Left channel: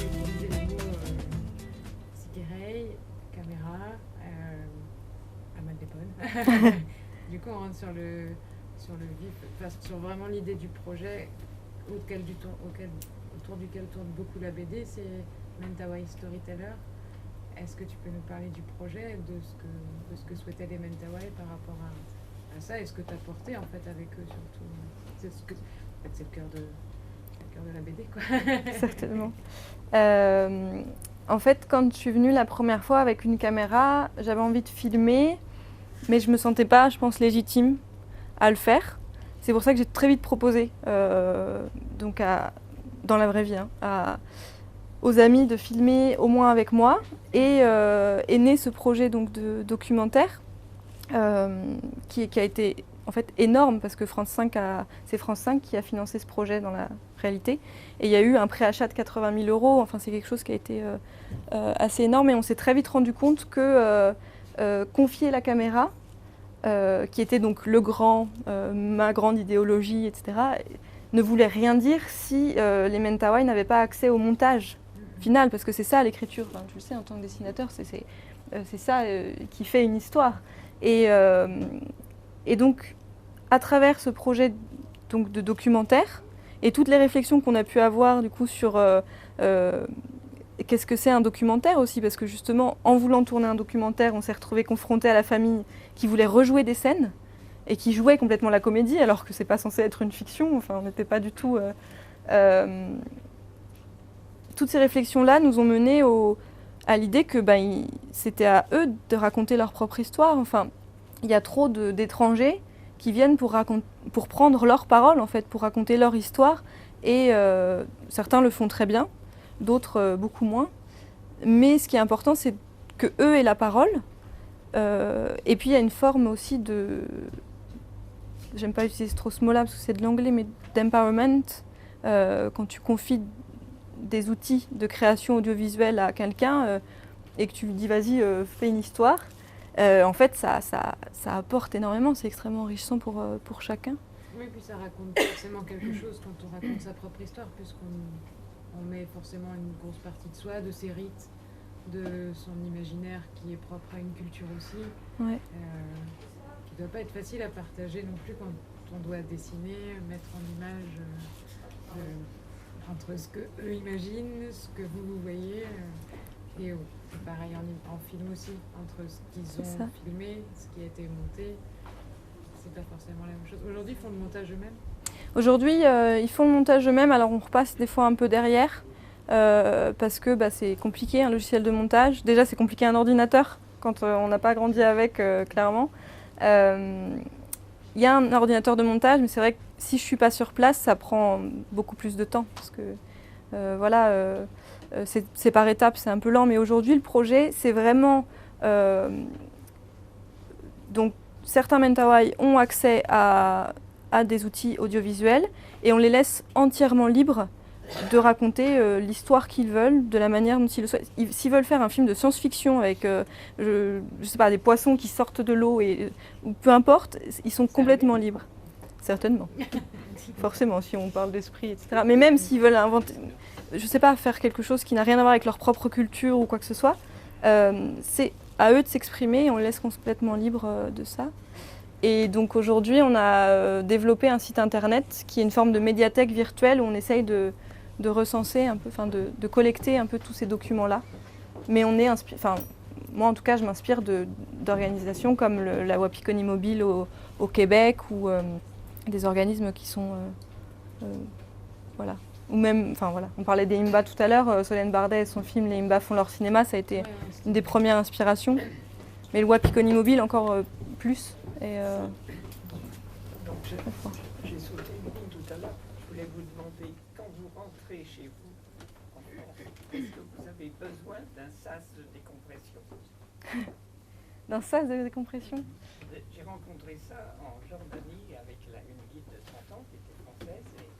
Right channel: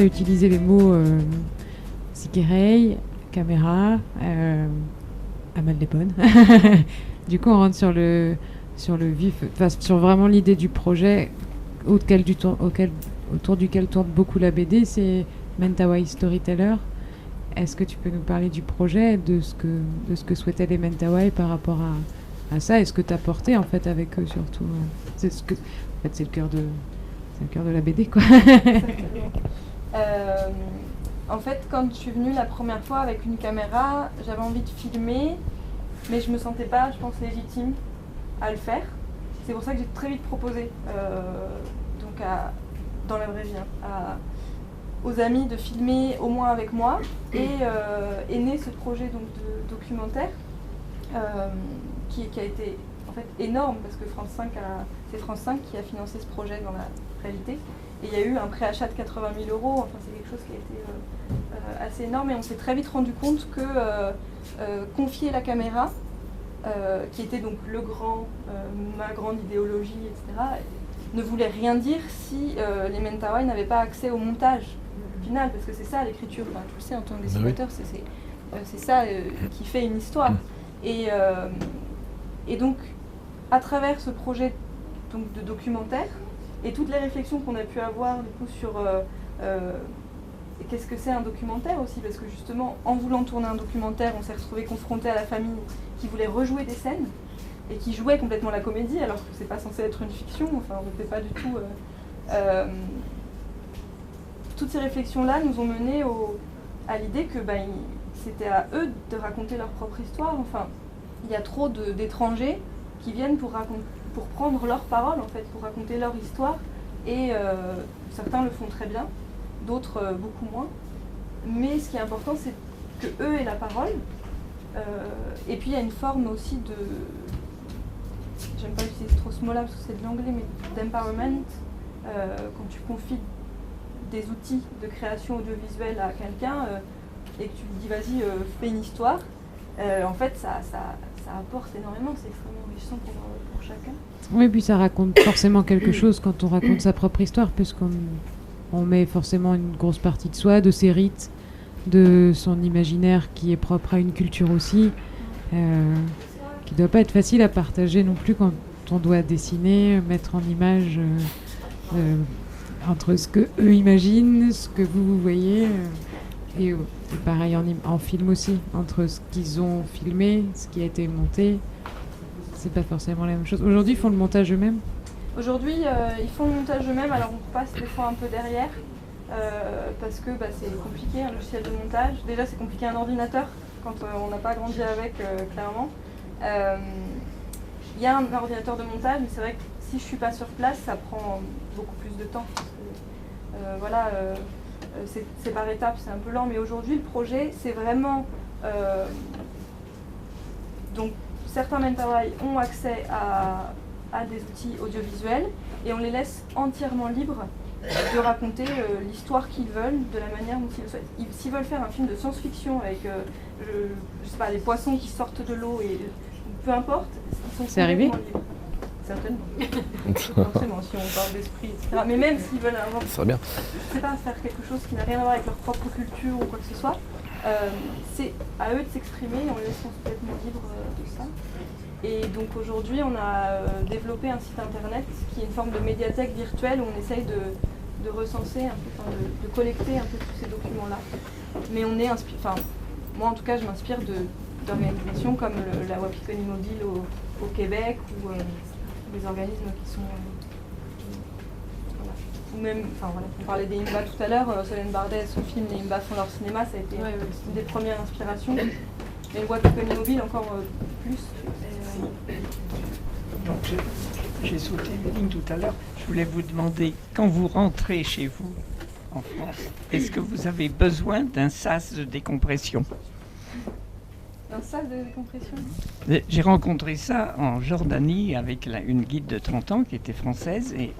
tu as utilisé les mots Sikerei, caméra, Amal Lebon. Du coup, on rentre sur le vif, sur vraiment l'idée du projet autour duquel tourne beaucoup la BD, c'est Mentawai Storyteller. Est-ce que tu peux nous parler du projet, de ce que souhaitaient les Mentawai par rapport à ça, et ce que tu as porté en fait avec eux surtout. C'est le cœur de la BD, quoi. Certainement. En fait, quand je suis venue la première fois avec une caméra, j'avais envie de filmer, mais je me sentais pas, je pense, légitime à le faire. C'est pour ça que j'ai très vite proposé, dans la vraie vie, aux amis de filmer au moins avec moi. Et est né ce projet donc, de documentaire qui a été en fait énorme parce que c'est France 5 qui a financé ce projet dans la réalité. Et il y a eu un préachat de 80 000 €. Enfin, c'est quelque chose qui a été assez énorme. Et on s'est très vite rendu compte que confier la caméra, qui était donc ma grande idéologie, etc., ne voulait rien dire si les Mentawai n'avaient pas accès au montage final, parce que c'est ça l'écriture. Enfin, tu le sais, en tant que dessinateur, c'est ça qui fait une histoire. Et donc, à travers ce projet donc, de documentaire, et toutes les réflexions qu'on a pu avoir du coup sur qu'est-ce que c'est un documentaire aussi, parce que justement, en voulant tourner un documentaire, on s'est retrouvé confronté à la famille qui voulait rejouer des scènes et qui jouait complètement la comédie, alors que c'est pas censé être une fiction. Enfin, on n'était pas du tout. Toutes ces réflexions-là nous ont mené à l'idée que c'était à eux de raconter leur propre histoire. Enfin, il y a trop d'étrangers qui viennent pour prendre leur parole, en fait, pour raconter leur histoire. Et certains le font très bien, d'autres beaucoup moins. Mais ce qui est important, c'est que eux aient la parole. Et puis il y a une forme aussi de... J'aime pas utiliser trop ce mot-là parce que c'est de l'anglais, mais d'empowerment. Quand tu confies des outils de création audiovisuelle à quelqu'un et que tu lui dis vas-y, fais une histoire, en fait ça apporte énormément, c'est extrêmement enrichissant pour chacun. Oui, puis ça raconte forcément quelque chose quand on raconte sa propre histoire, puisqu'on met forcément une grosse partie de soi, de ses rites, de son imaginaire qui est propre à une culture aussi, qui ne doit pas être facile à partager non plus quand on doit dessiner, mettre en image entre ce que eux imaginent, ce que vous voyez, et pareil en film aussi, entre ce qu'ils ont filmé, ce qui a été monté. C'est pas forcément la même chose. Aujourd'hui, ils font le montage eux-mêmes ? Aujourd'hui, ils font le montage eux-mêmes, alors on repasse des fois un peu derrière, parce que c'est compliqué, un logiciel de montage. Déjà, c'est compliqué un ordinateur, quand on n'a pas grandi avec, clairement. Il y a un ordinateur de montage, mais c'est vrai que si je ne suis pas sur place, ça prend beaucoup plus de temps, parce que, c'est par étapes, c'est un peu lent. Mais aujourd'hui, le projet, c'est vraiment... donc, certains Mentawai ont accès à des outils audiovisuels et on les laisse entièrement libres de raconter l'histoire qu'ils veulent, de la manière dont ils le souhaitent. S'ils veulent faire un film de science-fiction avec je sais pas, des poissons qui sortent de l'eau, peu importe, ils sont complètement libres. Certainement. Forcément, si on parle d'esprit, etc. Mais même s'ils veulent inventer, je sais pas, faire quelque chose qui n'a rien à voir avec leur propre culture ou quoi que ce soit, c'est à eux de s'exprimer et on les laisse complètement libres de ça. Et donc aujourd'hui, on a développé un site internet qui est une forme de médiathèque virtuelle où on essaye de recenser un peu, de collecter un peu tous ces documents-là. Mais on est moi en tout cas, je m'inspire d'organisations comme la Wapikoni Mobile au Québec ou des organismes qui sont voilà. Ou même, on parlait des Imba tout à l'heure, Solène Bardet et son film Les Imba font leur cinéma, ça a été une des premières inspirations. Mais le Wapikoni Mobile encore plus. Donc j'ai sauté une ligne tout à l'heure. Je voulais vous demander, quand vous rentrez chez vous en France, est-ce que vous avez besoin d'un sas de décompression ? D'un sas de décompression ? J'ai rencontré ça en Jordanie avec une guide de 30 ans qui était française et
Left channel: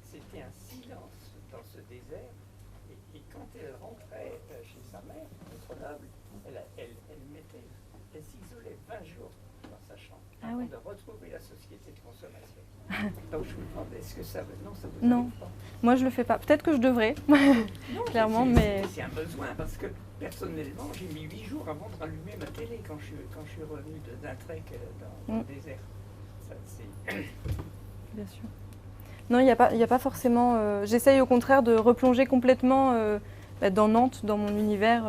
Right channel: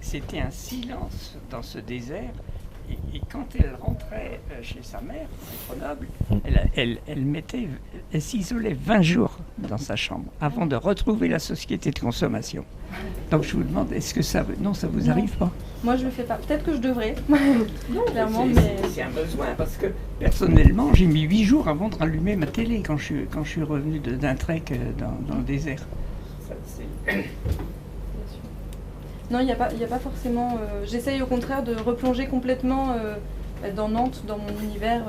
c'était un silence dans ce désert. Et quand elle rentrait chez sa mère, à Grenoble, elle s'isolait 20 jours dans sa chambre avant de retrouver la société de consommation. Donc je vous demande, est-ce que ça vous Non. arrive pas? Moi, je le fais pas. Peut-être que je devrais. Non, clairement, mais c'est un besoin parce que personnellement, j'ai mis 8 jours avant de rallumer ma télé quand je suis revenu d'un trek dans le désert. Ça, c'est- bien sûr. Non, il n'y a pas forcément. J'essaye au contraire de replonger complètement dans Nantes, dans mon univers,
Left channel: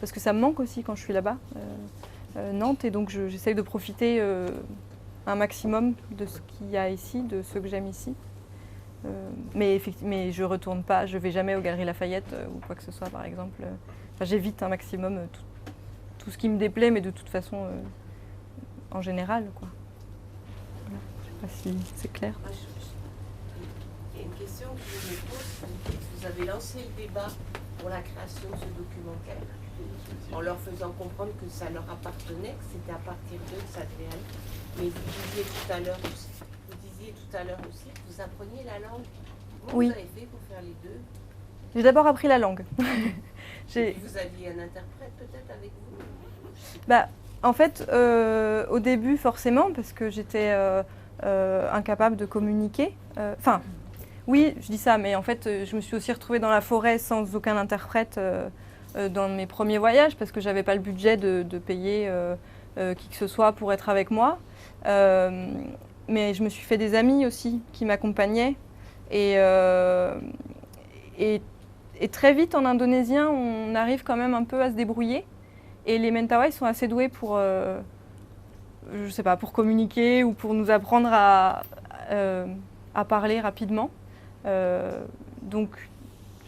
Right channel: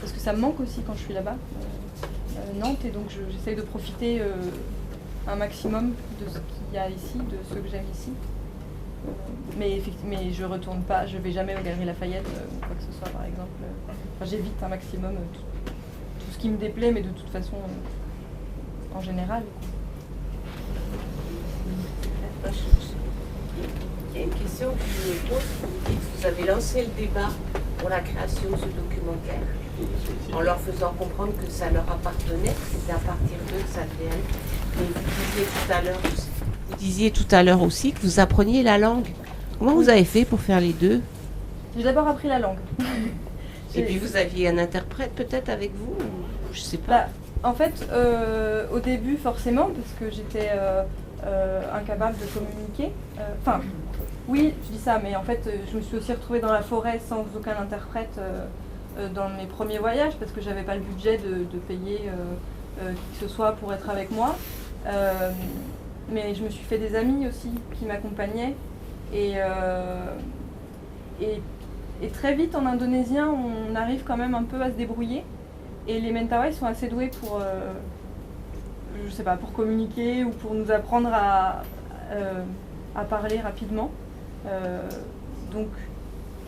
parce que ça me manque aussi quand je suis là-bas, Nantes, et donc j'essaye de profiter un maximum de ce qu'il y a ici, de ce que j'aime ici. Mais je retourne pas, je vais jamais aux Galeries Lafayette ou quoi que ce soit, par exemple. Enfin, j'évite un maximum tout ce qui me déplaît, mais de toute façon, en général. Enfin, c'est clair. Il y a une question que je me pose. Vous dites que vous avez lancé le débat pour la création de ce documentaire en leur faisant comprendre que ça leur appartenait, que c'était à partir d'eux que ça devait être. Mais vous disiez tout à l'heure aussi que vous appreniez la langue. Comment Oui. vous avez fait pour faire les deux? J'ai d'abord appris la langue. Et puis vous aviez un interprète peut-être avec vous ou je sais pas. Bah, en fait, au début, forcément, parce que j'étais incapable de communiquer. Enfin, oui, je dis ça, mais en fait, je me suis aussi retrouvée dans la forêt sans aucun interprète dans mes premiers voyages, parce que j'avais pas le budget de payer qui que ce soit pour être avec moi. Mais je me suis fait des amis aussi qui m'accompagnaient. Et très vite, en indonésien, on arrive quand même un peu à se débrouiller. Et les Mentawai sont assez doués pour, je sais pas, pour communiquer ou pour nous apprendre à parler rapidement. Donc,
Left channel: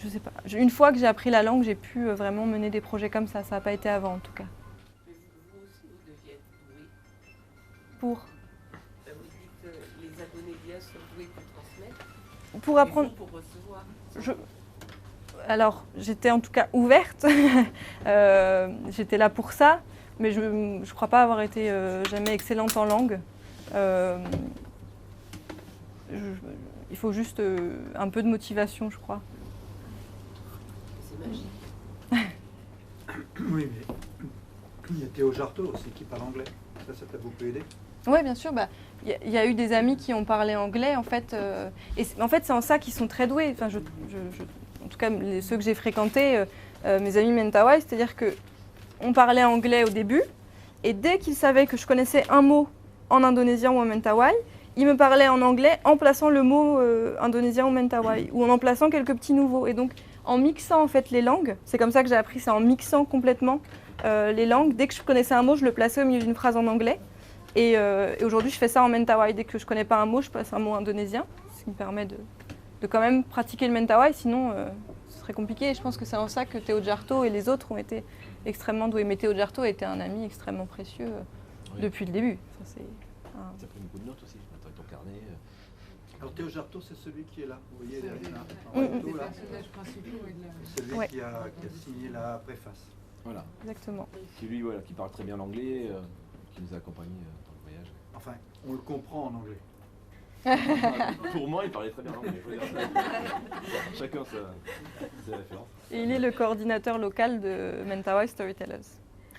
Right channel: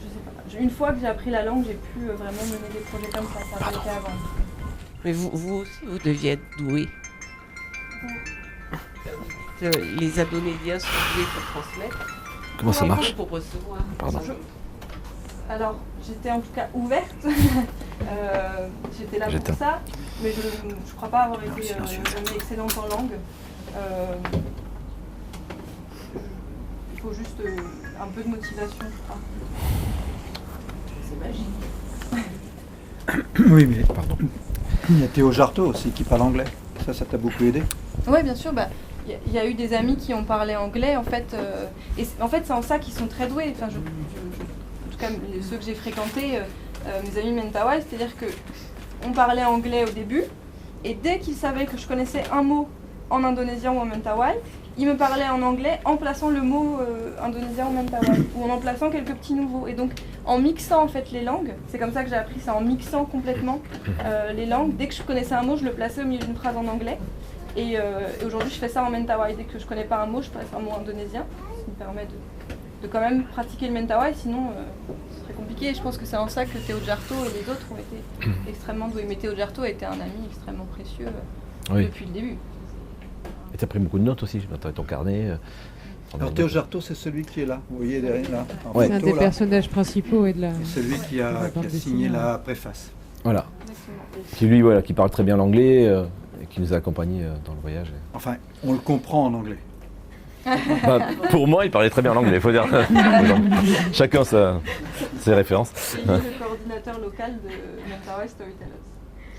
je sais pas. Une fois que j'ai appris la langue, j'ai pu vraiment mener des projets comme ça. Ça n'a pas été avant, en tout cas. Mais vous aussi, vous deviez être doué. Pour Les Indonésiens sont doués pour transmettre. Comment ça marche? Pour recevoir. Pardon. Alors, j'étais en tout cas ouverte. J'étais là pour J'étais. ça. Mais je ne crois pas avoir été jamais excellente en langue. Il faut juste un peu de motivation, je crois. C'est magique. Oui, mais Pardon. il y a Théo Jarteau aussi qui parle anglais. Ça t'a beaucoup aidé? Oui, bien sûr. Il y a eu des amis qui ont parlé anglais, en fait. Et en fait, c'est en ça qu'ils sont très doués. Enfin, en tout cas, ceux que j'ai fréquentés, mes amis Mentawai, c'est-à-dire qu'on parlait anglais au début, et dès qu'ils savaient que je connaissais un mot en indonésien ou en Mentawai, ils me parlaient en anglais en plaçant le mot indonésien ou Mentawai, ou en plaçant quelques petits nouveaux. Et donc, en mixant en fait les langues, c'est comme ça que j'ai appris ça, en mixant complètement les langues. Dès que je connaissais un mot, je le plaçais au milieu d'une phrase en anglais. Et aujourd'hui, je fais ça en Mentawai. Dès que je connais pas un mot, je place un mot indonésien, ce qui me permet de quand même pratiquer le Mentawai, sinon ce serait compliqué. Et je pense que c'est en ça que Théo Jarteau et les autres ont été extrêmement doués. Mais Théo Jarteau a été un ami extrêmement précieux Oui. depuis le début. Et t'as pris beaucoup de notes aussi, t'as ton carnet. Alors Théo Jarteau, c'est celui qui est là. Vous voyez derrière là, en Ouais. C'est un photo, des là. personnages principaux et de la. C'est celui Ouais. qui a bande signé dessinée, la préface. Voilà. Exactement. Qui lui, voilà, qui parle très bien l'anglais et qui nous a accompagnés dans le voyage. Enfin, on le comprend en anglais. Bah, pour moi, il parlait très bien l'anglais, il faut dire. Chacun ses références. C'est lui le coordinateur local de Mentawai Storytellers,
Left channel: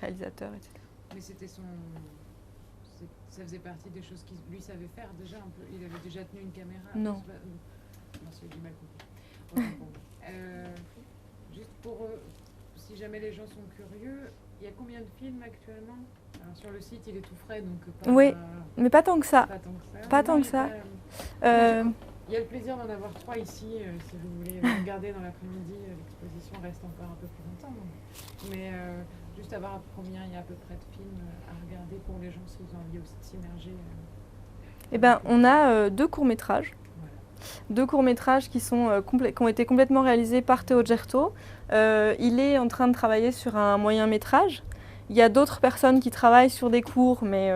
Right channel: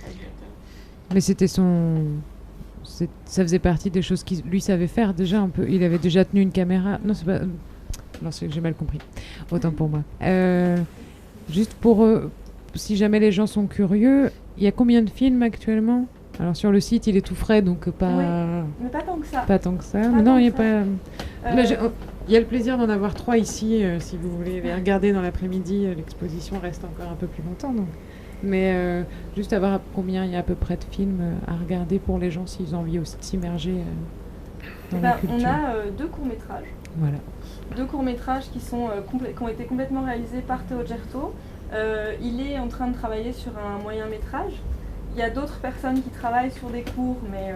réalisateur. Mais c'était ça faisait partie des choses qu'il lui savait faire déjà un peu. Il avait déjà tenu une caméra. Non, c'est pas. Non, j'ai mal compris. Autant pour moi. Juste pour si jamais les gens sont curieux, il y a combien de films actuellement? Alors sur le site, il est tout frais, donc pas. Oui. Mais pas tant que ça. Pas tant que ça. Pas non, tant il y a que pas. ça. Là, il y a le plaisir d'en avoir 3 ici. Si vous voulez les regarder dans l'après-midi, l'exposition reste encore un peu plus longtemps. Donc. Mais juste avoir combien il y a à peu près de films à regarder pour les gens s'ils ont envie aussi de s'immerger. Eh ben, on a 2 courts-métrages. Voilà. 2 courts-métrages qui ont été complètement réalisés par Théo Jarteau. Il est en train de travailler sur un moyen-métrage. Il y a d'autres personnes qui travaillent sur des courts, mais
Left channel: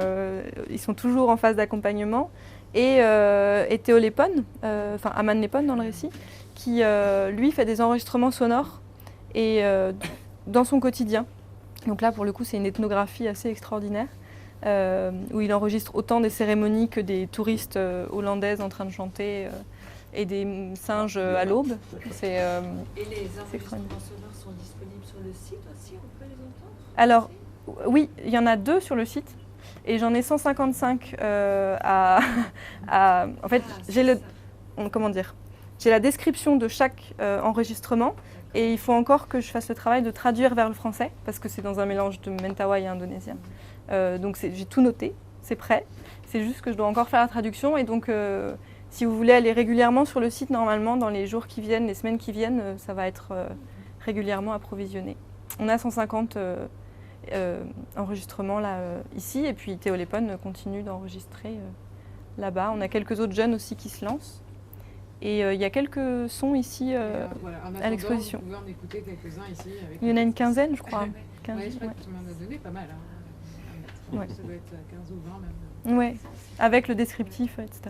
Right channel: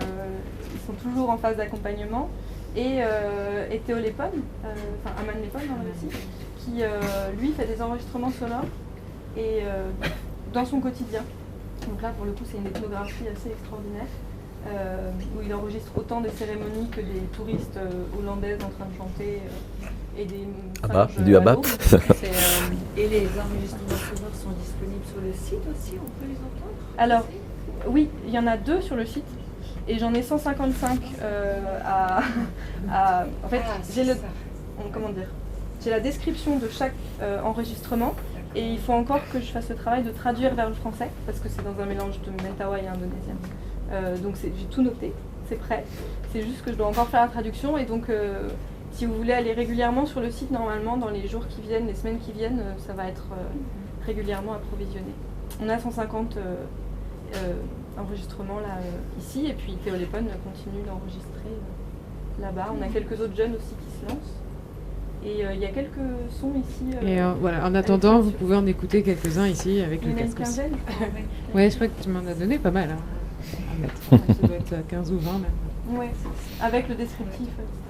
ils sont toujours en phase d'accompagnement. Et Théo Lepon, enfin Aman Lepon dans le récit, qui lui fait des enregistrements sonores et dans son quotidien. Donc là, pour le coup, c'est une ethnographie assez extraordinaire, où il enregistre autant des cérémonies que des touristes hollandaises en train de chanter. et des Ah bah, singes du à Habat. l'aube. Et les enregistrements sonores sont disponibles sur le site aussi, on peut les entendre? Alors, oui, il y en a 2 sur le site et j'en ai 155 en fait, j'ai la description de chaque enregistrement et il faut encore que je fasse le travail de traduire vers le français parce que c'est dans un mélange de mentawai et indonésien. Donc j'ai tout noté, c'est prêt. C'est juste que je dois encore faire la traduction et donc si vous voulez aller régulièrement sur le site, normalement dans les jours qui viennent, les semaines qui viennent, ça va être régulièrement approvisionné. On a 150 enregistrements là ici et puis Théo Lépone continue d'enregistrer là-bas. On a quelques autres jeunes aussi qui se lancent et il y a quelques sons ici. Et voilà, en attendant, vous l'exposition. pouvez en écouter quelques-uns ici avec Il y en a le une casque. quinzaine, je crois. Ouais, je crois que tu m'en as donné pas mal. Hein. Ouais, ça doit être 15 ou 20 même. Ouais, avec le descriptif, etc.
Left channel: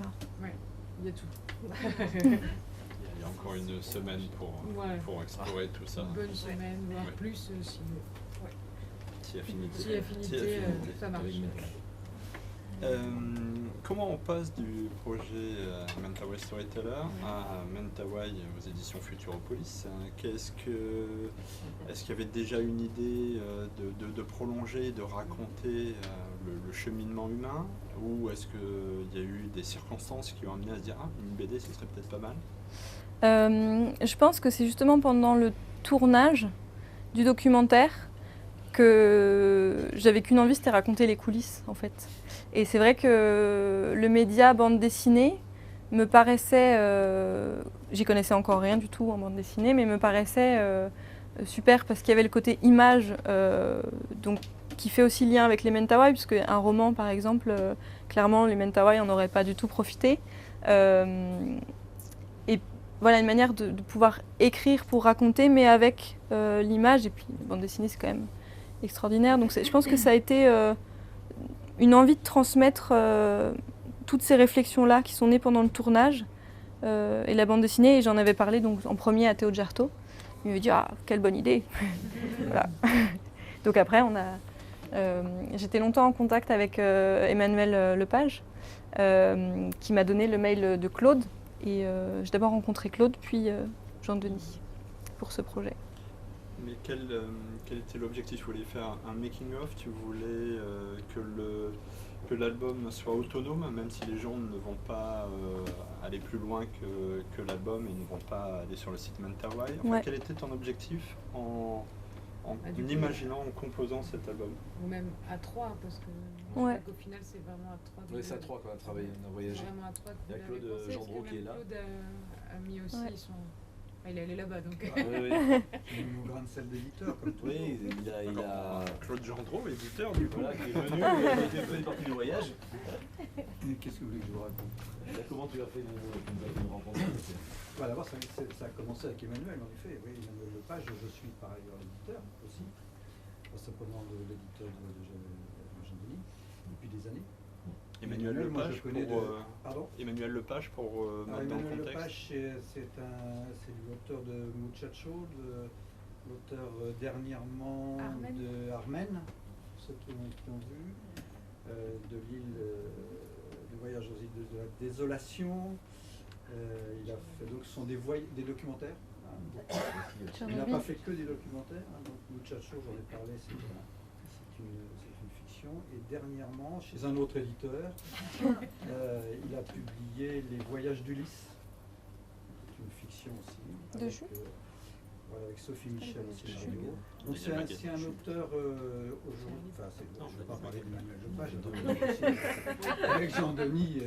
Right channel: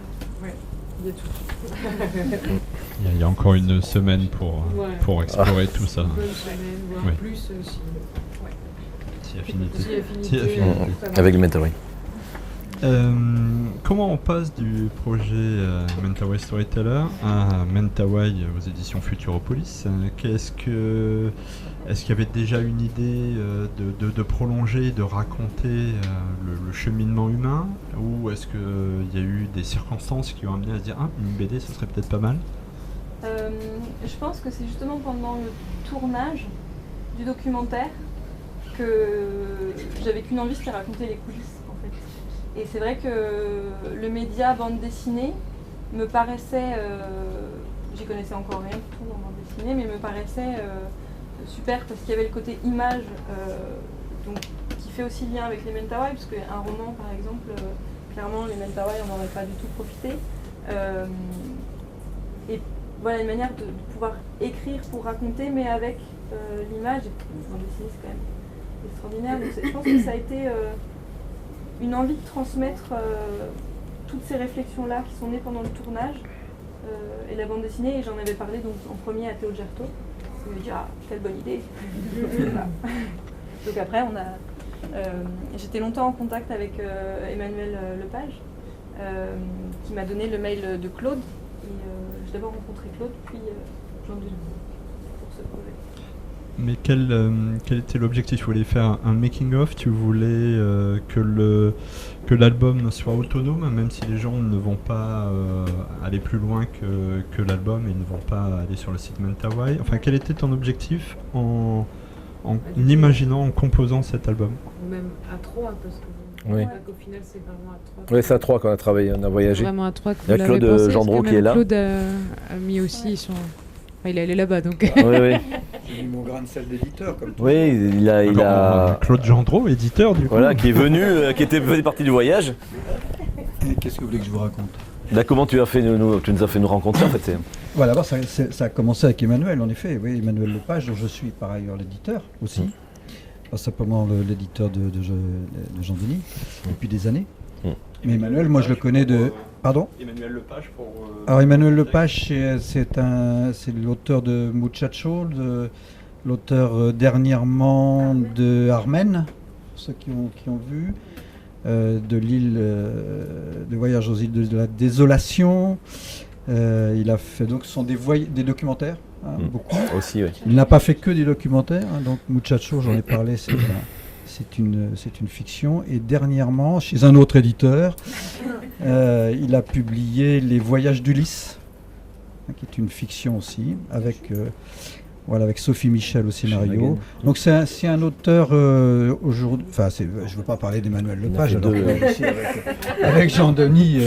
Il y a tout. Il y a encore une semaine Ouais. pour explorer tout ça. Une bonne semaine, voire Ouais. plus si. Si affinité. Si affinité, Si affinité. ça marche. Avec le mentawai. Comment on passe du projet Mentawai Storyteller à Mentawai aux éditions Futuropolis? Est-ce qu'il y avait déjà une idée de prolonger, de raconter le cheminement humain, ou est-ce qu'il y a eu des circonstances qui ont amené à se dire une BD, ce serait peut-être pas mal? Je pense que c'est justement pendant le tournage du documentaire que j'avais qu'une envie, c'était raconter les coulisses en fait. Et c'est vrai que le média bande dessinée me paraissait, j'y connaissais encore rien du tout en bande dessinée, mais me paraissait super parce qu'il y avait le côté image donc, qui fait aussi lien avec les mentawai, parce qu'un roman par exemple, clairement les mentawai n'en auraient pas du tout profité. Et voilà une manière de pouvoir écrire pour raconter, mais avec l'image, et puis une bande dessinée c'est quand même extraordinaire. Donc je pense que ça a été une envie de transmettre toutes ces réflexions-là qui sont nées pendant le tournage et la bande dessinée, et j'en avais parlé donc, en premier à Théo Jarto. Il m'avait dit « Ah, quelle bonne idée !» Voilà. Donc après, j'étais longtemps en contact avec Emmanuel Lepage, qui m'a donné le mail de Claude. Et j'ai d'abord rencontré Claude, puis Jean-Denis, pour ce projet. Mais quel était l'objectif? Tu voulais faire un making-of? Tu voulais que l'album soit autonome, même si les gens ne vont pas aller plus loin que l'album et ne vont pas aller sur le site Mentawai? Enfin, Ouais. quel était ton objectif en imaginant, en composant cet album? Ou même à 3, parce que Oui. qu'au final c'est vraiment à 3. Oui, c'est à 3 qu'on a travaillé, on a voyagé. Vraiment à 3 que Il y a vous l'avez Claude pensé, parce Gendreau que qui est même là. Claude a mis aussi son... Enfin, il est allé là-bas, donc... Oui, oui. J'ai mis mon grain de sel d'éditeur, comme tout. Oui, il a Claude Gendreau, éditeur du coup. voilà, qui est venu, qui faisait partie du voyage. Et qu'est-ce que vous voulez que je vous raconte? Là, comment tu nous as fait nous rencontrer en fait Voilà, d'abord, ça a commencé avec Emmanuel, en effet. Oui, Emmanuel Lepage, dont je suis par ailleurs l'éditeur aussi. Pas simplement l'éditeur de Jean-Denis, depuis des années. Mais Emmanuel, moi je le connais de... Pardon? Emmanuel Lepage pour... Alors Emmanuel Lepage, c'est l'auteur de Muchacho, l'auteur dernièrement de Armen, pour ceux qui ont vu, de l'île, de Voyage aux îles de la Désolation. Il a fait donc ce sont des documentaires, beaucoup. Aussi, oui. Il n'a pas fait que des documentaires, donc Muchacho, j'en ai parlé, c'est une fiction. Et dernièrement, chez un autre éditeur, il a publié Les Voyages d'Ulysse, qui est une fiction aussi, avec Sophie Michel au scénario. Donc c'est un auteur aujourd'hui. Enfin, je ne veux pas parler d'Emmanuel Lepage, alors que ici avec Jean-Denis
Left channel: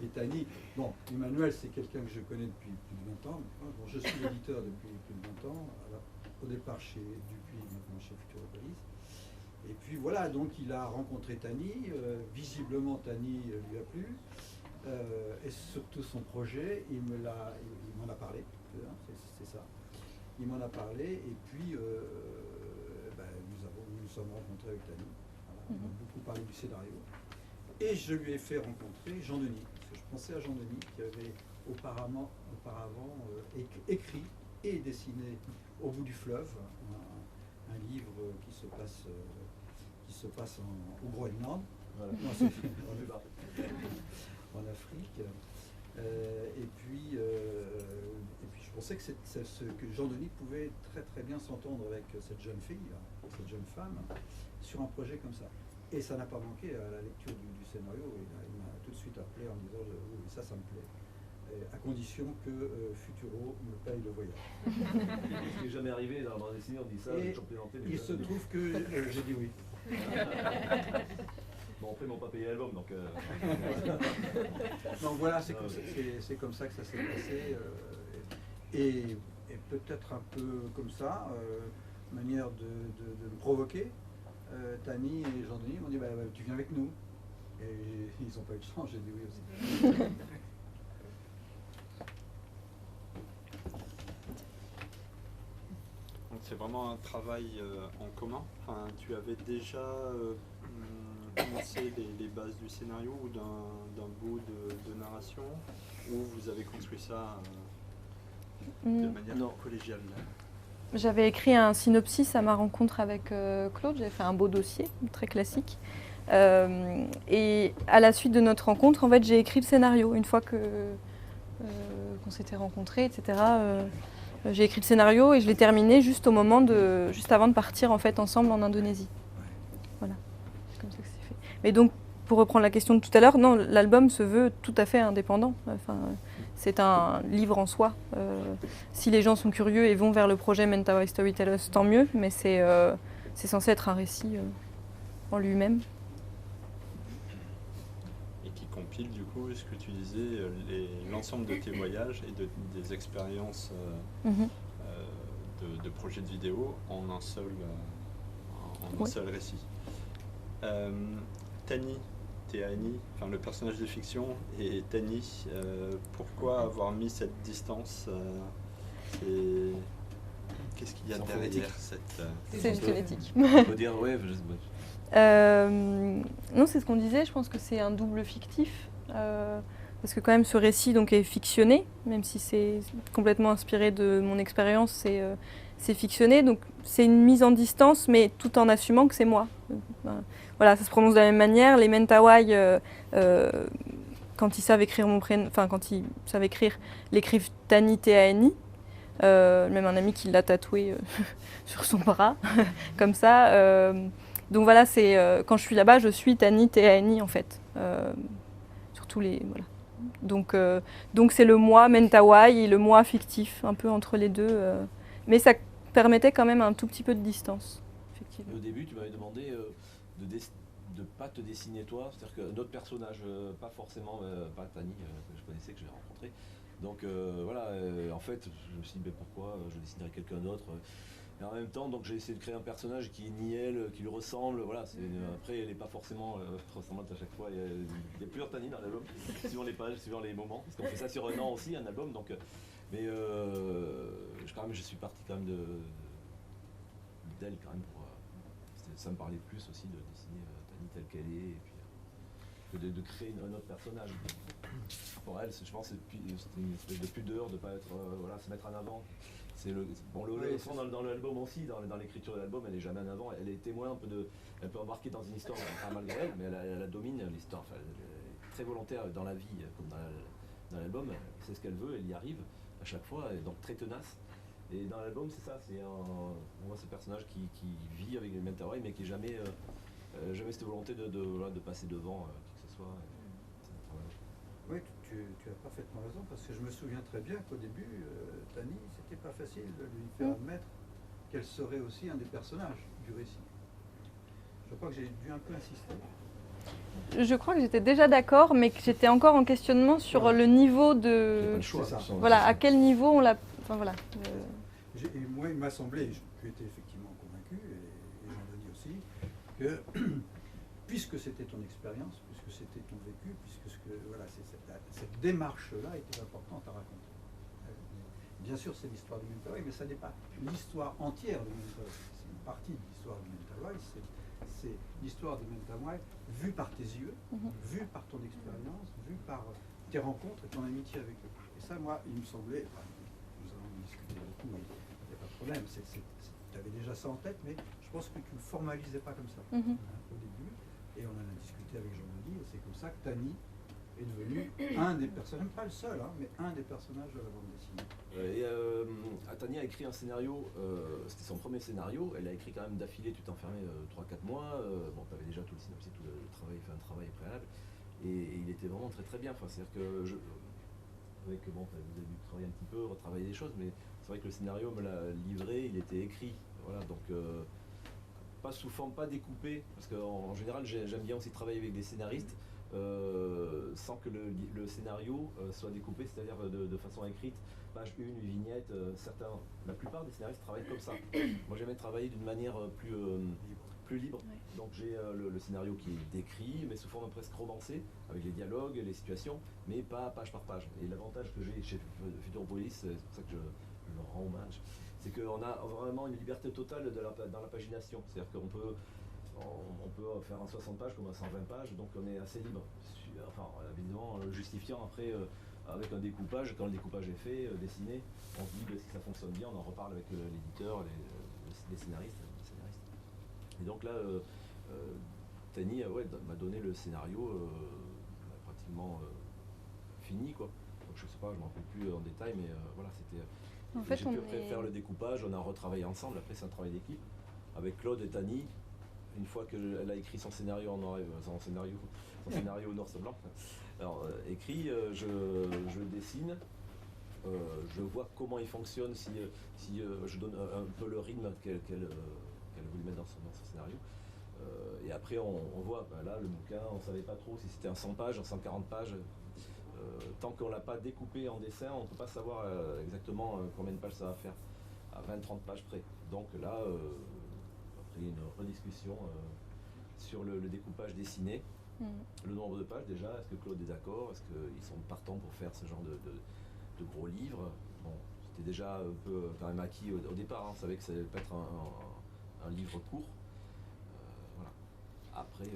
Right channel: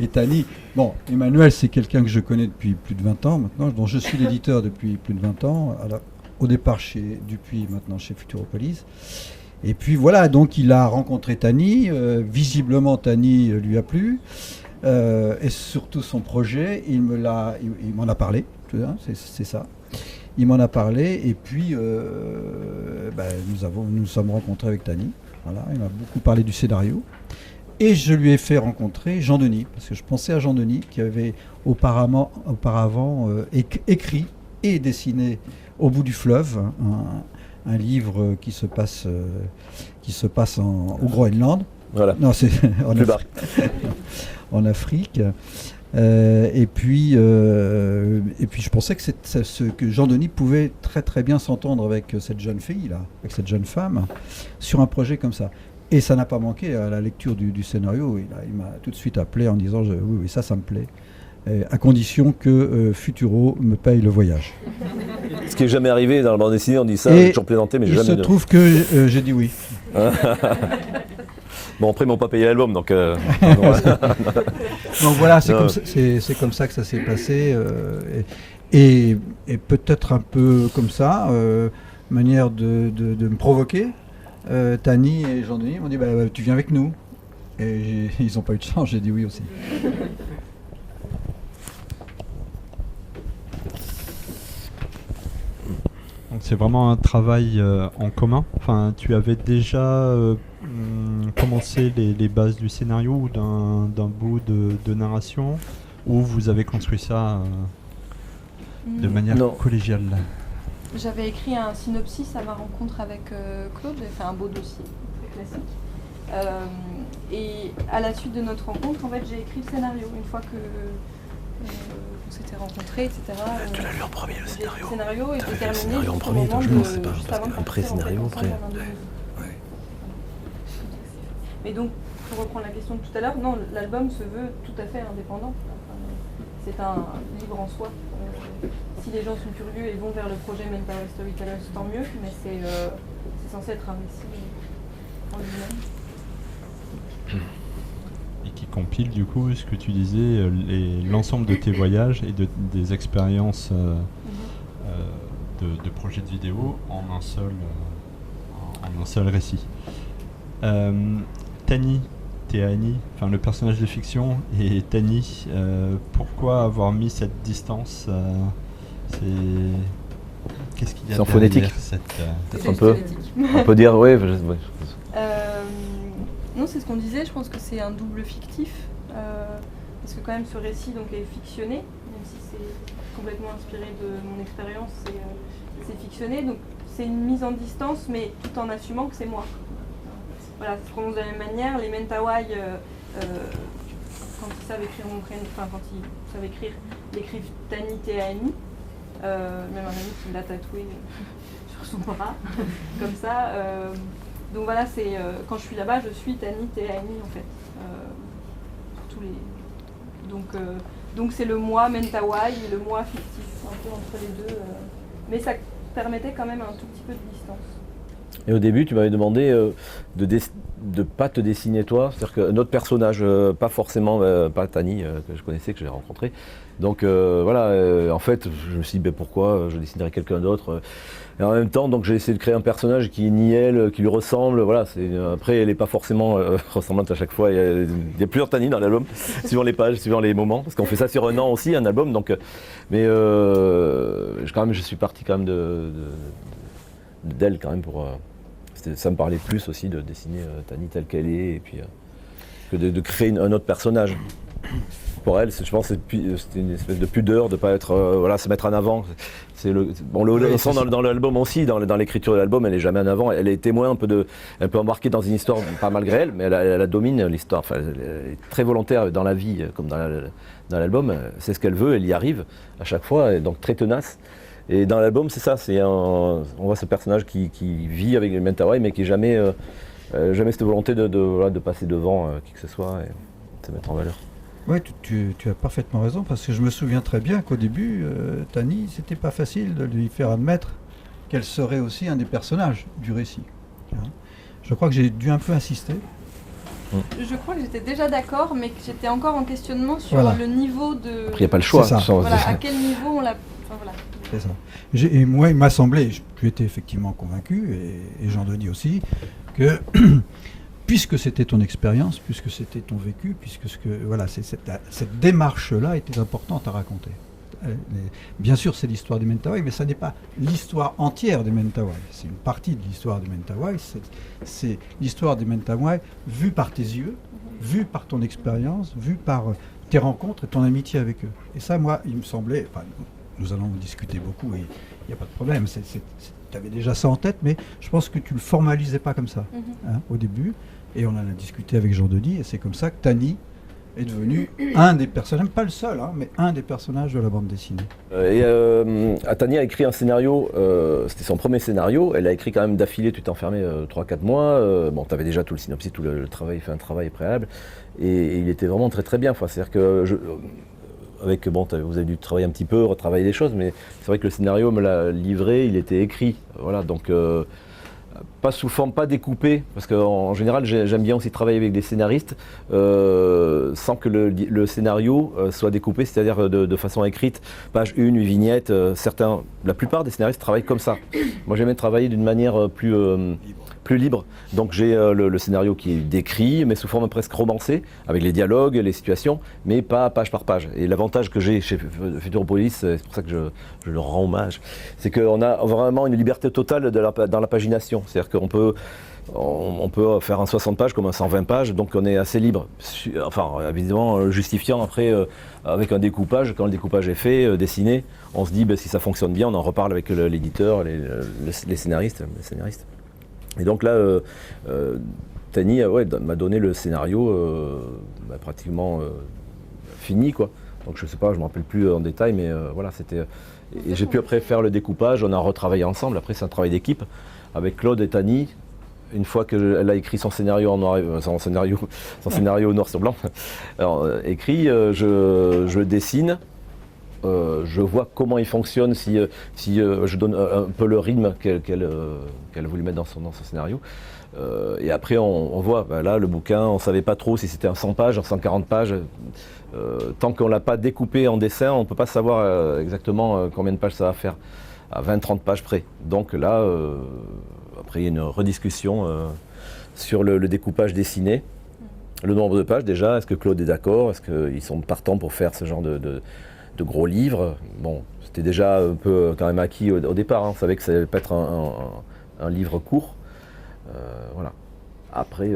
et Tani. Bon, Emmanuel, c'est quelqu'un que je connais depuis plus de 20 ans maintenant, dont je suis l'éditeur depuis plus de 20 ans. Au départ chez Dupuis, maintenant chez Futuropolis. Et puis voilà, donc il a rencontré Tani. Visiblement, Tani lui a plu. Et surtout son projet, il m'en a parlé. C'est ça. Il m'en a parlé et puis nous sommes rencontrés avec Tani. Voilà, il m'a beaucoup parlé du scénario. Et je lui ai fait rencontrer Jean-Denis, parce que je pensais à Jean-Denis qui avait auparavant écrit et dessiné Au bout du fleuve, un livre qui se passe au Groenland. Voilà. Non, c'est Plus bas. en Afrique. Et puis, je pensais que Jean-Denis pouvait très très bien s'entendre avec cette jeune fille là, avec cette jeune femme, sur un projet comme ça. Et ça n'a pas manqué à la lecture du scénario. Il m'a tout de suite appelé en disant oui, ça me plaît, à condition que Futuro me paye le voyage. Ce qui n'est jamais arrivé dans la bande dessinée, on dit ça, j'ai toujours plaisanté, mais il jamais. se trouve que j'ai dit oui. Bon, après, ils m'ont pas payé l'album, donc. Donc voilà, c'est comme ça que ça s'est passé. Et peut-être un peu comme ça, manière de me provoquer. Tani et Jean-Denis m'ont dit tu viens avec nous. Et ils n'ont pas eu de chance, j'ai dit oui aussi. Donc c'est vraiment un travail en commun. Enfin, tu avais déjà commencé les bases du scénario ou d'un bout de narration, ou vous avez construit ça de manière collégiale? J'avais écrit un synopsis à ma rencontre avec Claude, j'avais fait un beau dossier, très classique. Et à la suite de notre rencontre, en fait, j'ai écrit le scénario. Une fois qu'on s'était rencontrés, etc. J'ai écrit le scénario et je l'ai terminé juste au moment juste avant de partir en fait ensemble en Indonésie. Voilà. Mais donc, pour reprendre la question de tout à l'heure, non, l'album se veut tout à fait indépendant. Enfin, c'est un livre en soi. Si les gens sont curieux et vont vers le projet Mentawai Storytellers, tant mieux, mais c'est censé être un récit en lui-même. Et qui compile du coup ce que tu disais, l'ensemble de tes voyages et des expériences de projets de vidéo en un seul récit. Tani, Teani, enfin le personnage de fiction, et Tani, pourquoi avoir mis cette distance Qu'est-ce qu'il y a C'est en phonétique. On peut dire, oui. Non, c'est ce qu'on disait, je pense que c'est un double fictif. Parce que quand même ce récit donc, est fictionné, même si c'est complètement inspiré de mon expérience, c'est fictionné. Donc c'est une mise en distance, mais tout en assumant que c'est moi. Voilà, ça se prononce de la même manière. Les Mentawai, quand ils savent écrire mon prénom, enfin quand ils savent écrire, l'écrivent Tani Teani. Même un ami qui l'a tatoué sur son bras, comme ça. Donc voilà, c'est quand je suis là-bas, je suis Tani Teani en fait. Sur tous les. Voilà. Donc c'est le moi Mentawai et le moi fictif, un peu entre les deux. Mais ça permettait quand même un tout petit peu de distance. Et au début, tu m'avais demandé de ne pas te dessiner toi, c'est-à-dire qu'un autre personnage, pas forcément, pas Tani, que je connaissais, que j'ai rencontré. Donc voilà, en fait, je me suis dit, pourquoi je dessinerais quelqu'un d'autre et en même temps, donc j'ai essayé de créer un personnage qui nie elle, qui lui ressemble. Voilà, après, elle n'est pas forcément ressemblante à chaque fois. Il y a plusieurs Tani dans l'album, suivant les pages, suivant les moments. Parce qu'on fait ça sur un an aussi, un album. Donc, mais quand même, je suis parti quand même d'elle quand même pour. Ça me parlait plus aussi de dessiner Tani telle qu'elle est, et puis que de créer un autre personnage. Pour elle, je pense que c'était une espèce de pudeur de ne pas être, se mettre en avant. On le sent dans l'album aussi, dans l'écriture de l'album, elle n'est jamais en avant. Elle est témoin elle peut embarquer dans une histoire, pas malgré elle, mais elle domine l'histoire. Enfin, elle est très volontaire dans la vie, comme dans l'album. C'est ce qu'elle veut, elle y arrive à chaque fois, et donc très tenace. Et dans l'album, c'est ça, on voit ce personnage qui vit avec les Mentawai, mais qui n'a jamais cette volonté de passer devant qui que ce soit et de se mettre en valeur. Oui, tu as parfaitement raison, parce que je me souviens très bien qu'au début, Tani, c'était pas facile de lui faire admettre qu'elle serait aussi un des personnages du récit. Je crois que j'ai dû un peu insister. Je crois que j'étais déjà d'accord, mais que j'étais encore en questionnement sur le niveau de... Il n'y a pas le choix. Voilà, à quel niveau on l'a... Enfin, voilà. C'est ça. Et moi, il m'a semblé, tu étais effectivement convaincu, et Jean-Denis aussi, que puisque c'était ton expérience, puisque c'était ton vécu, puisque cette démarche-là était importante à raconter. Bien sûr, c'est l'histoire des Mentawai, mais ça n'est pas l'histoire entière des Mentawai. C'est une partie de l'histoire des Mentawai. C'est l'histoire des Mentawai vue par tes yeux, vue par ton expérience, vue par tes rencontres et ton amitié avec eux. Et ça, moi, il me semblait... Nous allons discuter beaucoup et il n'y a pas de problème. Tu avais déjà ça en tête, mais je pense que tu ne le formalisais pas comme ça au début. Et on en a discuté avec Jean-Denis et c'est comme ça que Tani est devenu un des personnages, pas le seul, hein, mais un des personnages de la bande dessinée. Tani a écrit un scénario, c'était son premier scénario, elle a écrit quand même d'affilée, tu t'es enfermé 3-4 mois, bon tu avais déjà tout le synopsis, tout le travail, fait un travail préalable, et il était vraiment très très bien, enfin, c'est-à-dire que vous avez dû travailler un petit peu, retravailler les choses, mais c'est vrai que le scénario me l'a livré, il était écrit, voilà, donc pas sous forme, pas découpé, parce qu'en général j'aime bien aussi travailler avec des scénaristes sans que le scénario soit découpé, c'est-à-dire de façon écrite, page 1, une vignette, la plupart des scénaristes travaillent comme ça. Moi j'aime travailler d'une manière plus libre, donc j'ai le scénario qui est décrit, mais sous forme presque romancée, avec les dialogues, les situations, mais pas page par page. Et l'avantage que j'ai chez Futuropolis, c'est pour ça que je leur rends hommage, c'est qu'on a vraiment une liberté totale dans la pagination, c'est-à-dire qu'on peut faire un 60 pages comme un 120 pages, donc on est assez libre. Enfin, évidemment, justifiant après avec un découpage, quand le découpage est fait, dessiné, on se dit si ça fonctionne bien, on en reparle avec l'éditeur, les scénaristes. Et donc là, Tani m'a donné le scénario pratiquement fini, quoi. Donc je sais pas, je me rappelle plus en détail, mais voilà, c'était. Et j'ai pu après faire le découpage, on a retravaillé ensemble. Après, c'est un travail d'équipe avec Claude et Tani. Une fois qu'elle a écrit son scénario son scénario noir sur blanc, alors, écrit, je dessine. Je vois comment il fonctionne, si je donne un peu le rythme qu'elle a voulu mettre dans son scénario. Et après, on voit, là, le bouquin, on ne savait pas trop si c'était un 100 pages, un 140 pages. Tant qu'on ne l'a pas découpé en dessin, on ne peut pas savoir exactement combien de pages ça va faire, à 20-30 pages près. Donc là, après, il y a une rediscussion sur le découpage dessiné. Le nombre de pages, déjà, est-ce que Claude est d'accord? Est-ce qu'ils sont partants pour faire ce genre de gros livres? Bon, c'était déjà un peu quand même acquis au départ, hein. On savait que ça allait pas être un livre court. Voilà. Après...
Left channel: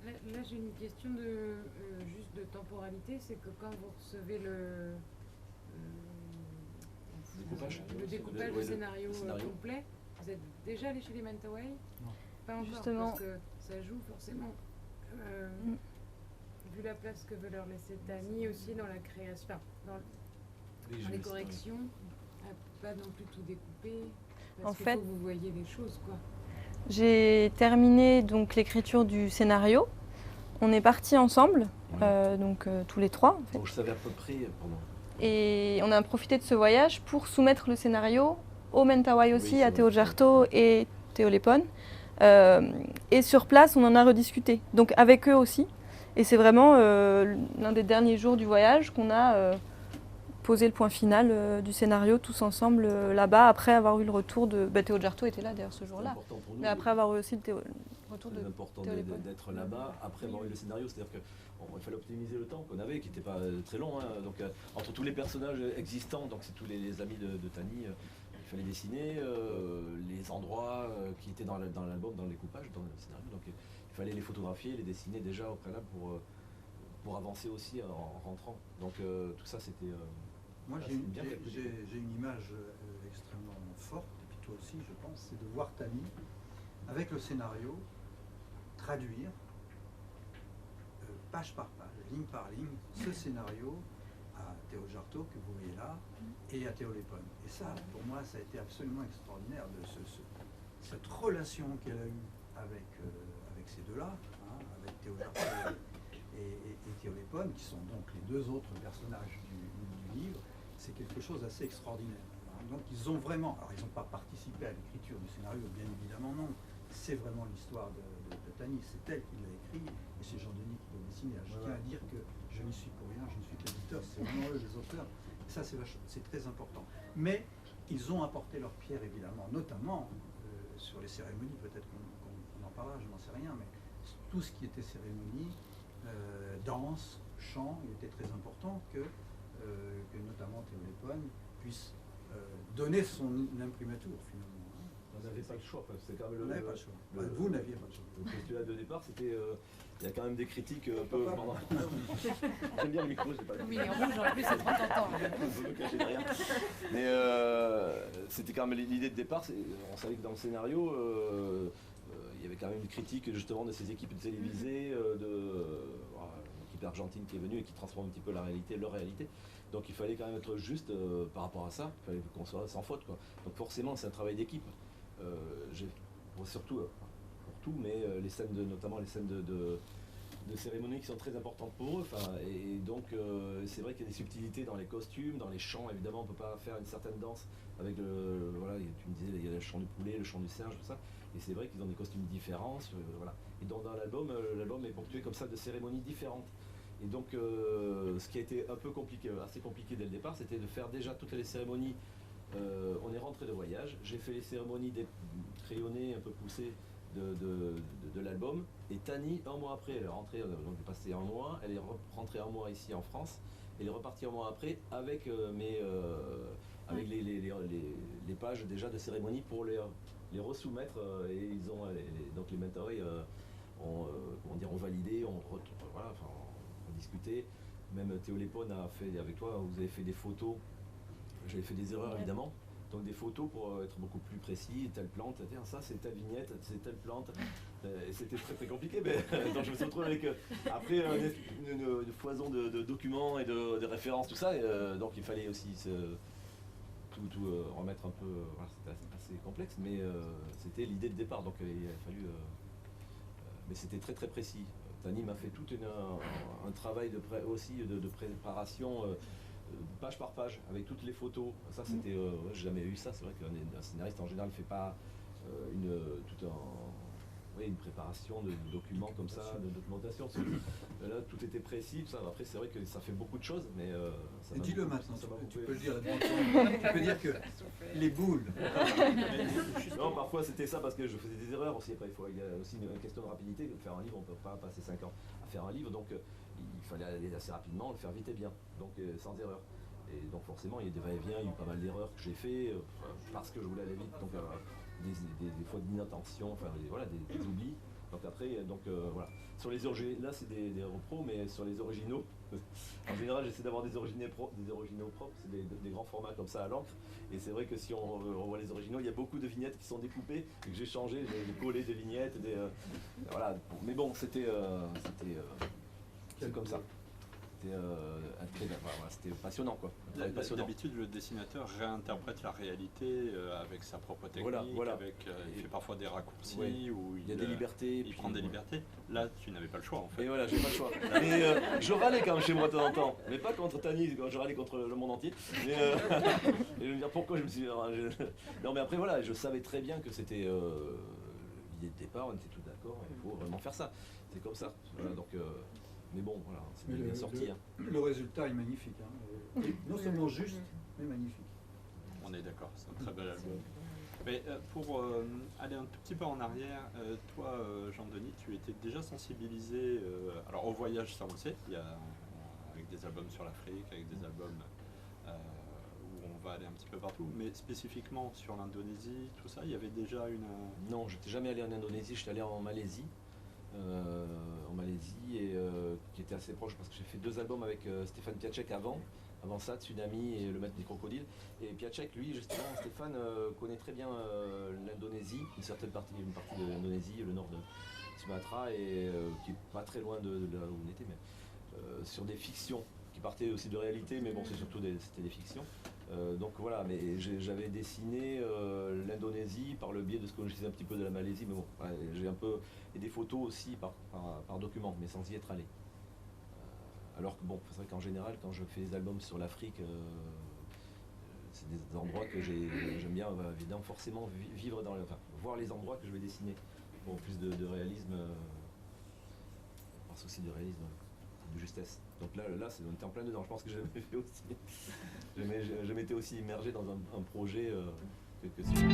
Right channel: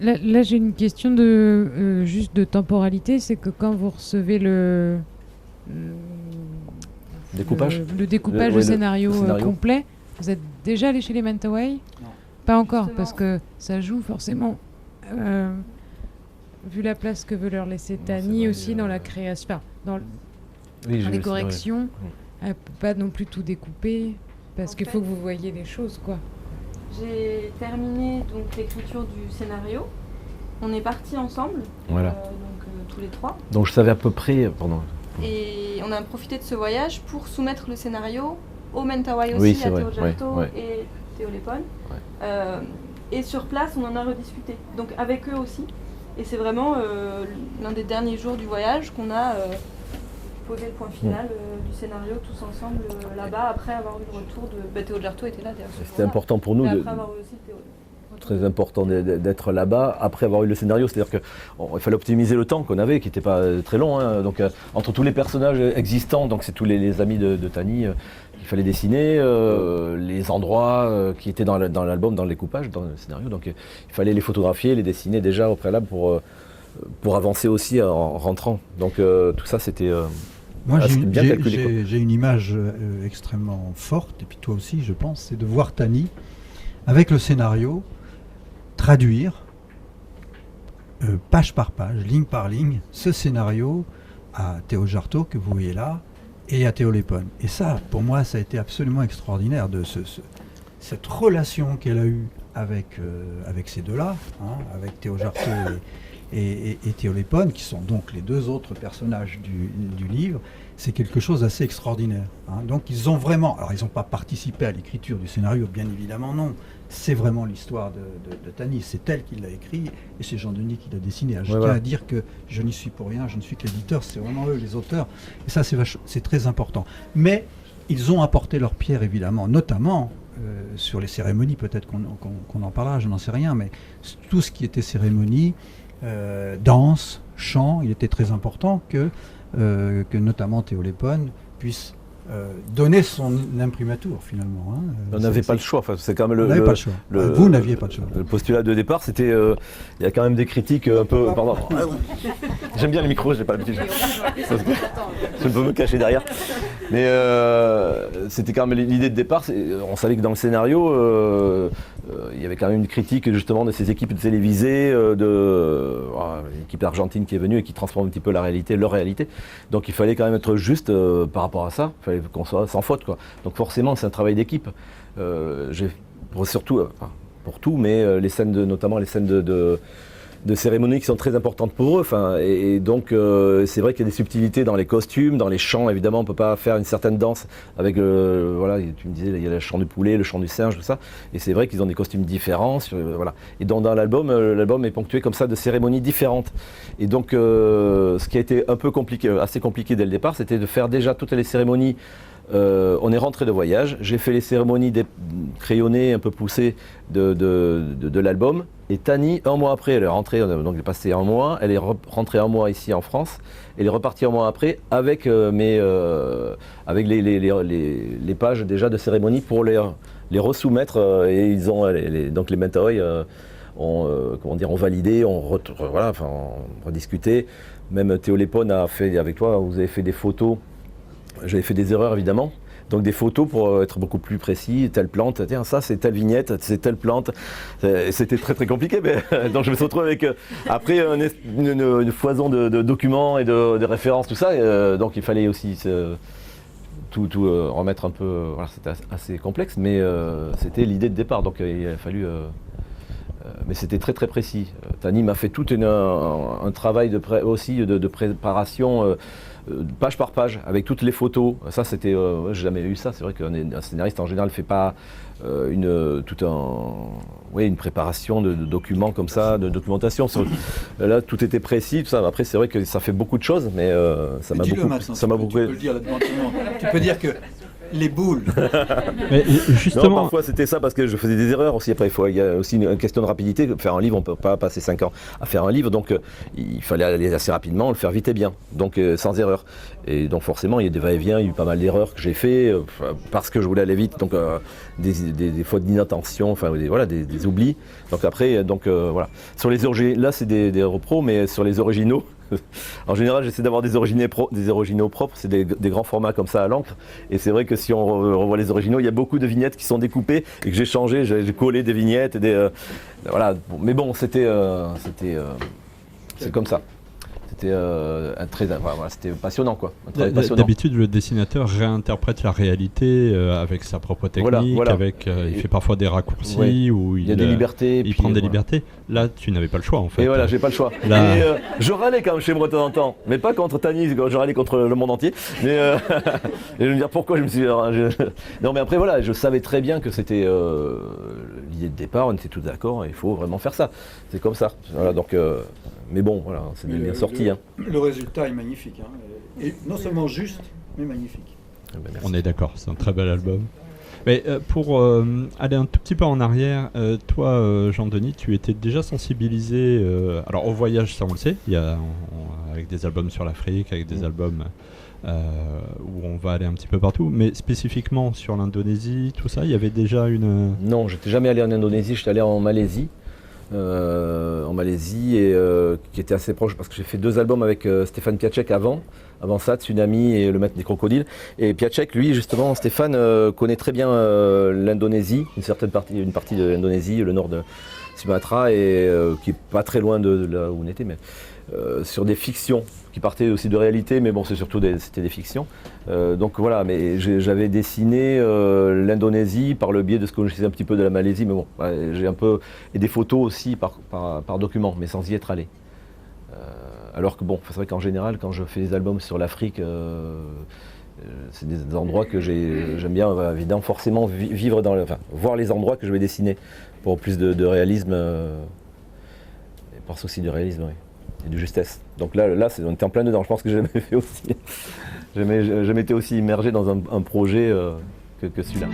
Là, j'ai une question juste de temporalité, c'est que quand vous recevez le découpage, le découpage, le scénario complet, vous êtes déjà allé chez les Mentawai? Pas encore, Justement. parce que ça joue forcément, vu la place que veut leur laisser Tani aussi dans la création, enfin, dans les corrections, elle ne peut pas non plus tout découper, parce En qu'il fait, faut que vous voyez les choses, quoi. J'ai terminé donc l'écriture du scénario. On est partis ensemble, Voilà. tous les trois. Donc je savais à peu près pendant... Et on a profité de ce voyage pour soumettre le scénario au Mentawai aussi, Oui, c'est à vrai, Théo Jarto ouais. et Théo Lepone. Et sur place, on en a rediscuté. Donc avec eux aussi. Et c'est vraiment l'un des derniers jours du voyage qu'on a posé le point final du scénario tous ensemble là-bas, après avoir eu le retour de... Théo Jarto était là d'ailleurs ce C'était jour-là. important pour nous. Et après avoir eu aussi le Théo... Très important d'être là-bas après avoir eu le scénario, c'est-à-dire qu'il fallait optimiser le temps qu'on avait, qui n'était pas très long, hein. Donc entre tous les personnages existants, donc c'est tous les amis de Tani qu'il fallait dessiner, les endroits qui étaient dans l'album, dans le découpage, dans le scénario, donc il fallait les photographier, les dessiner déjà au préalable pour avancer aussi en rentrant. Donc tout ça c'était Moi, bien calculé. j'ai une image extrêmement forte, et puis toi aussi, je pense, c'est de voir Tani avec le scénario traduire page par page, ligne par ligne, ce scénario à Théo Jarto que vous voyez là et à Théo Lepone. Et ça, pour moi, ça a été absolument extraordinaire de cette relation qu'elle a eue avec ces deux-là, hein, avec Théo Jarto et Théo Lepone, qui sont donc les deux autres personnages du livre. C'est quelque chose d'assez extraordinaire, hein. Donc ils ont vraiment, alors ils n'ont pas participé à l'écriture du scénario, bien évidemment non, c'est vraiment l'histoire de Tani, c'est elle qui l'a écrit et c'est Jean Denis qui l'a dessiné. Je tiens à dire que je n'y suis pour rien, je ne suis que l'éditeur, c'est vraiment eux les auteurs, et ça c'est très important. Mais ils ont apporté leur pierre évidemment, notamment sur les cérémonies, peut-être qu'on en parlera, je n'en sais rien, mais tout ce qui était cérémonie, danse, chant, il était très important que notamment Théo Lepone puisse donner son imprimatur finalement. Hein. On n'avait pas le choix. Enfin, c'est quand même On n'avait pas le choix. Vous n'aviez pas le choix. Le postulat de départ, c'était. Il y a quand même des critiques un peu. Pardon. J'aime bien le micro, j'ai pas l'habitude. Je peux me cacher derrière. Mais c'était quand même l'idée de départ. On savait que dans le scénario, il y avait quand même une critique justement de ces équipes télévisées, l'équipe argentine qui est venue et qui transforme un petit peu la réalité, leur réalité. Donc il fallait quand même être juste par rapport à ça. Il fallait qu'on soit sans faute, quoi. Donc forcément, c'est un travail d'équipe. Surtout, pour tout, mais les scènes notamment les scènes de cérémonies qui sont très importantes pour eux. Et donc, c'est vrai qu'il y a des subtilités dans les costumes, dans les chants. Évidemment, on ne peut pas faire une certaine danse avec, voilà, tu me disais, il y a le chant du poulet, le chant du singe, tout ça. Et c'est vrai qu'ils ont des costumes différents. Voilà. Et dans l'album, l'album est ponctué comme ça de cérémonies différentes. Et donc, ce qui a été un peu compliqué, assez compliqué dès le départ, c'était de faire déjà toutes les cérémonies. On est rentré de voyage, j'ai fait les cérémonies crayonnées un peu poussées de l'album, et Tani, un mois après, elle est rentrée, donc elle est passée un mois, elle est rentrée un mois ici en France, elle est repartie un mois après avec, avec les pages déjà de cérémonie pour les resoumettre, et ils ont, donc les Mentawai ont validé, ont rediscuté, même Théo Lépone a fait avec toi, vous avez fait des photos. J'avais fait des erreurs évidemment, donc des photos pour être beaucoup plus précis, telle plante, tiens ça c'est telle vignette, c'est telle plante, c'était très très compliqué, mais donc je me suis retrouvé avec après une foison de documents et de références, tout ça, donc il fallait aussi tout remettre un peu, voilà, c'était assez complexe, mais c'était l'idée de départ, donc il a fallu... mais c'était très très précis. Tani m'a fait tout un travail aussi de préparation, page par page, avec toutes les photos. Ça, c'était, j'ai jamais eu ça. C'est vrai qu'un scénariste en général ne fait pas une préparation de documents comme ça, de documentation. Là, tout était précis, tout ça. Après, c'est vrai que ça fait beaucoup de choses, mais ça m'a beaucoup. Ça m'a beaucoup. Tu peux le dire là-dedans. Tu peux dire que les boules. Mais justement, non, parfois c'était ça parce que je faisais des erreurs aussi. Après, il y a aussi une question de rapidité. Faire un livre, on ne peut pas passer 5 ans à faire un livre, donc il fallait aller assez rapidement, le faire vite et bien, donc sans erreur. Et donc forcément, il y a des va-et-vient, il y a eu pas mal d'erreurs que j'ai fait parce que je voulais aller vite, donc des fautes d'inattention, enfin voilà, des oublis. Donc après, voilà. Sur les originaux, là c'est des repros, mais sur les originaux. En général, j'essaie d'avoir des originaux propres, c'est des grands formats comme ça à l'encre. Et c'est vrai que si on revoit les originaux, il y a beaucoup de vignettes qui sont découpées et que j'ai changé, j'ai collé des vignettes. Et voilà. Mais bon, c'est comme ça. C'était passionnant, quoi. D'habitude, le dessinateur réinterprète la réalité avec sa propre technique, voilà. Il fait parfois des raccourcis, ou il y a des libertés. Il prend des libertés. Là, tu n'avais pas le choix, en fait. Et voilà, j'ai pas le choix. Là... Et, je râlais quand même chez moi de temps en temps, mais pas contre Tani, je râlais contre le monde entier. Mais et je vais me dire pourquoi je me suis. Non, mais après voilà, je savais très bien que c'était l'idée de départ. On était tous d'accord. Il faut vraiment faire ça. C'est comme ça. Voilà, donc. Mais bon, voilà, c'est bien sorti. Le résultat est magnifique. Et non seulement juste, mais magnifique. On est d'accord, c'est un très bel album. Mais pour aller un tout petit peu en arrière, toi, Jean-Denis, tu étais déjà sensibilisé alors au voyage, ça on le sait, il y a, avec des albums sur l'Afrique, avec des albums où on va aller un petit peu partout, mais spécifiquement sur l'Indonésie, tout ça, il y avait déjà une... Non, j'étais jamais allé en Indonésie, j'étais allé en Malaisie. Et qui était assez proche parce que j'ai fait 2 albums avec Stéphane Piaczek avant ça, Tsunami et Le Maître des Crocodiles. Et Piaczek, lui, justement, Stéphane connaît très bien l'Indonésie, une partie de l'Indonésie, le nord de Sumatra, et qui est pas très loin de là où on était, mais sur des fictions qui partaient aussi de réalité, mais bon, c'était des fictions. Donc voilà, mais j'avais dessiné l'Indonésie par le biais de ce que je sais un petit peu de la Malaisie, mais bon, j'ai un peu et des photos aussi par document, mais sans y être allé. Alors que bon, c'est vrai qu'en général, quand je fais des albums sur l'Afrique, c'est des endroits que j'aime bien, évidemment, forcément vivre voir les endroits que je vais dessiner pour plus de réalisme, et par souci de réalisme, oui, et de justesse. Donc là, on était en plein dedans. Je pense que j'ai jamais fait aussi. Je m'étais aussi immergé dans un projet que celui-là.